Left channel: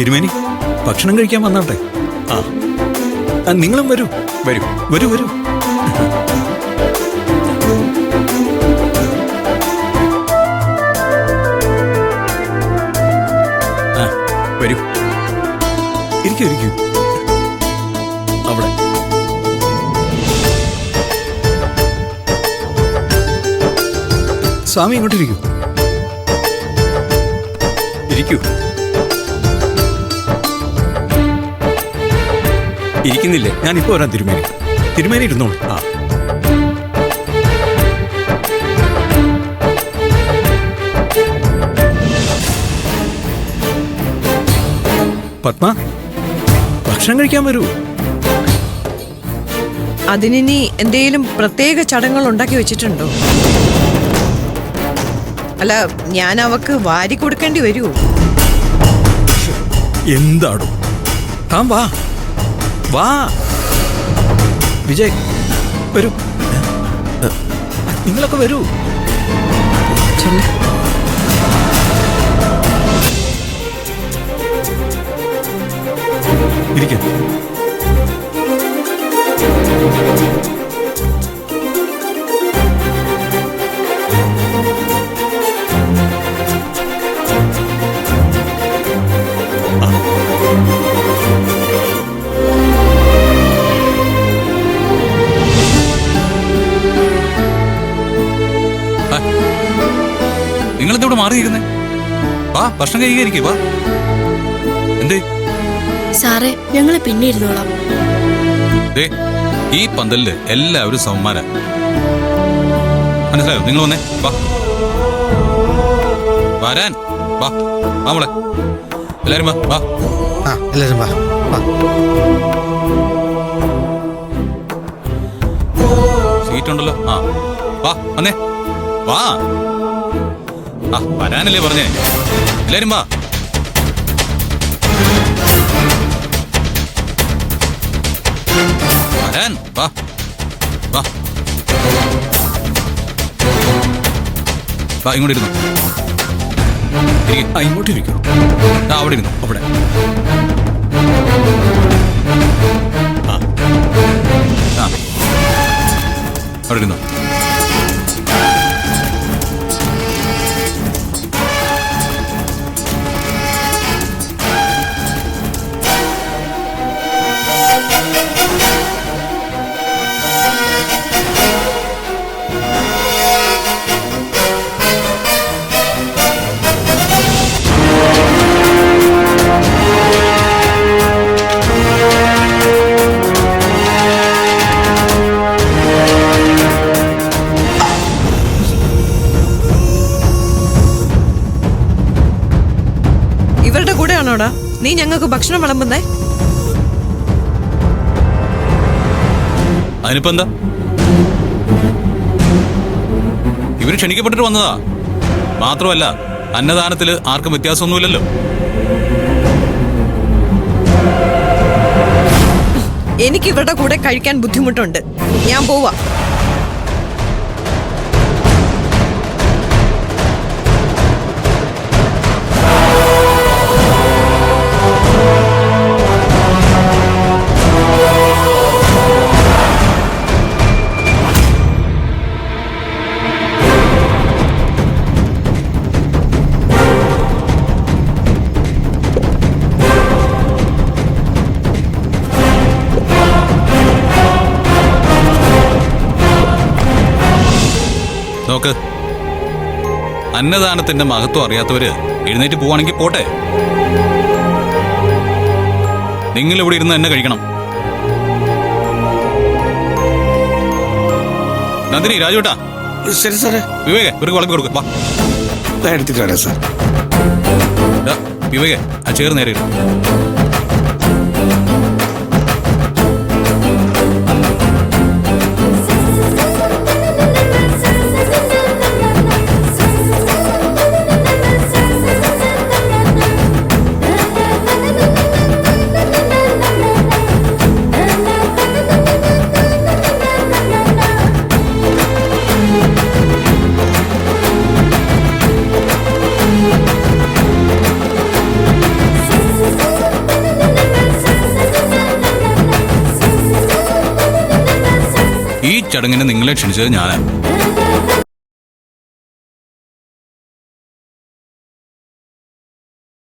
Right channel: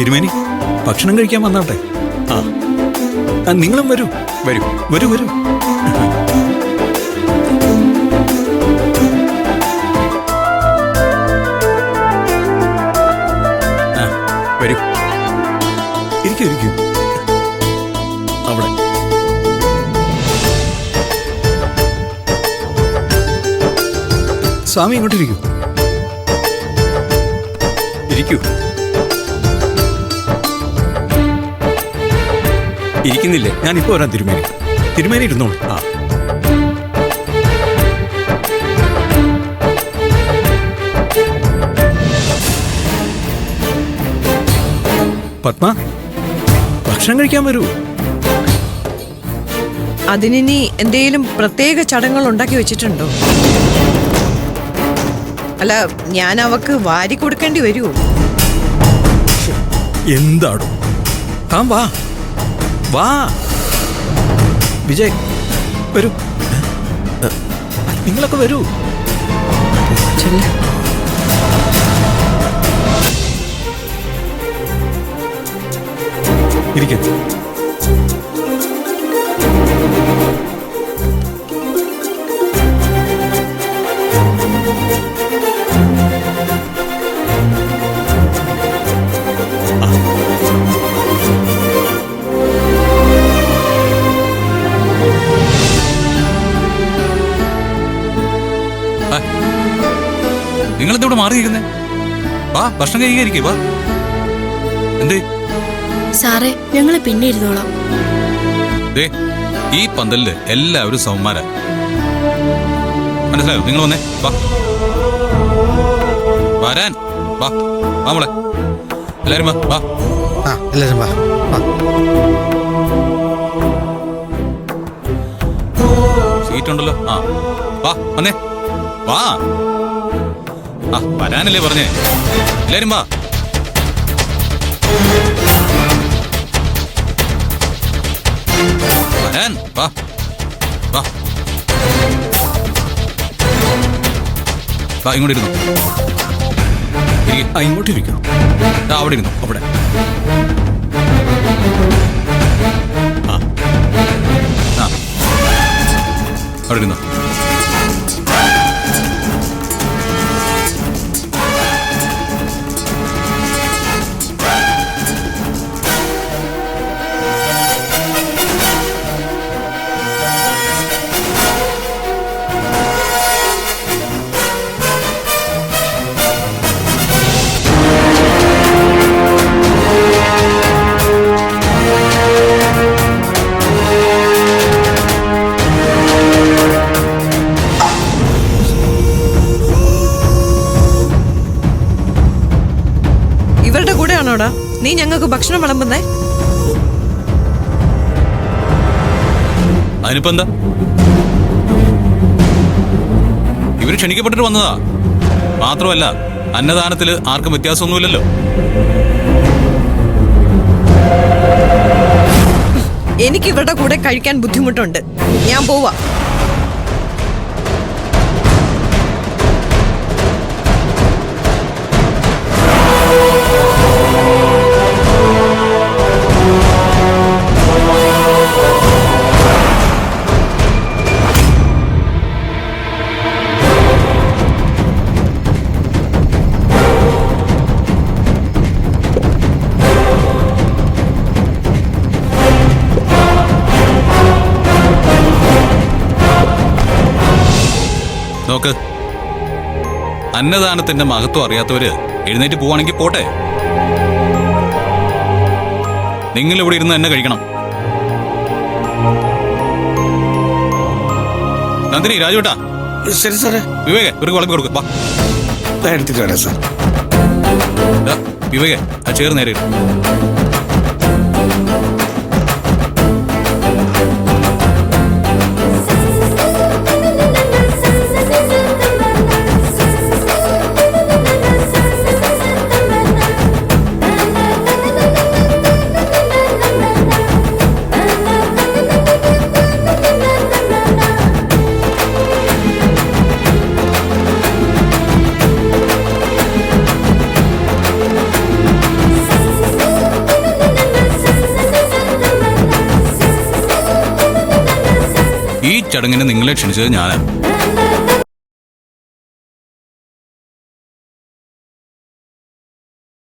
തിരുമേനി ഭക്ഷണം കഴിക്കാൻ വന്നാട്ടെ. ആ നിങ്ങളും വരൂ വരൂ വരൂ വരൂ. ആ വരൂ, ഇരിക്കൂ ഇരിക്കൂ. അവിടെ സ്വാമി ഇങ്ങോട്ടിരിക്കൂ, ഇരിക്കൂ. ഇരിക്കുന്നില്ലേ? ഞാനിപ്പോ വരാം തിരുമേനി. തിരുമേനി ഇരുന്നോളൂ. ആ പത്മ, ഭക്ഷണം കഴിക്കാൻ വരൂ. അതിനി എന്തെങ്കിലും പ്രത്യേക ചടങ്ങുകൾ ഉണ്ടാക്കി വെച്ചിട്ടുണ്ടോ? അല്ല, ഞാൻ അവക്ക് വാരി കൊടുക്കേണ്ടി വരുമോ? എന്താടോ താൻ വാ വാ. വിജയ് വരൂ, നിങ്ങളൊക്കെ വരൂ. ഇരിക്കാം. നിങ്ങളെന്തോടെ മാറിയിരിക്കുന്നേ? വാ ഭക്ഷണം കഴിക്കാതിരിക്കേ. വാ. എന്തേ സാറേ, ഞങ്ങള് പിന്നെ ഇരുന്നോളാം. ഈ പന്തലില് എല്ലാവരും സമന്മാരാ, മനസ്സിലായോ? നിങ്ങൾ വന്നേ. വാ വരാൻ. വാ വാ മോളെ, എല്ലാരും വാ. വാ എല്ലാരും വാ. സീറ്റ് ഉണ്ടല്ലോ. ആ വാ വന്നേ. വാ. ആ വരാനല്ലേ പറഞ്ഞേ? എല്ലാരും വാ. വരാൻ. വാ വാ വാ. ഇങ്ങോട്ട് ഇരുന്നു. ഇങ്ങോട്ടിരിക്കൂ. അവിടെ ഇരുന്നു. അവിടെ അവിടെ ഇരുന്നു. ഇവരുടെ കൂടെയാണോടാ നീ ഞങ്ങൾക്ക് ഭക്ഷണം വിളമ്പുന്നേ? അതിനിപ്പോ എന്താ? ഇവര് ക്ഷണിക്കപ്പെട്ടിട്ട് വന്നതാ. മാത്രമല്ല അന്നദാനത്തില് ആർക്കും വ്യത്യാസമൊന്നുമില്ലല്ലോ. എനിക്ക് ഇവരുടെ കൂടെ കഴിക്കാൻ ബുദ്ധിമുട്ടുണ്ട്. ഞാൻ പോവാ. നോക്ക്, അന്നദാനത്തിന്റെ മഹത്വം അറിയാത്തവര് എഴുന്നേറ്റ് പോവാണെങ്കിൽ പോട്ടെ. നിങ്ങൾ ഇവിടെ ഇരുന്ന് തന്നെ കഴിക്കണം. നന്ദിനി, രാജുട്ടാ. ശരി സാറേ. വിവേകെ ഇവർക്ക് വിളമ്പി കൊടുക്കും. വാ എടുത്തിട്ട് വരാം സാർ. വിവേകെ ആ ചേർ നേരെ ഇടും. ഈ ചടങ്ങിന് നിങ്ങളെ ക്ഷണിച്ചത് ഞാനാ.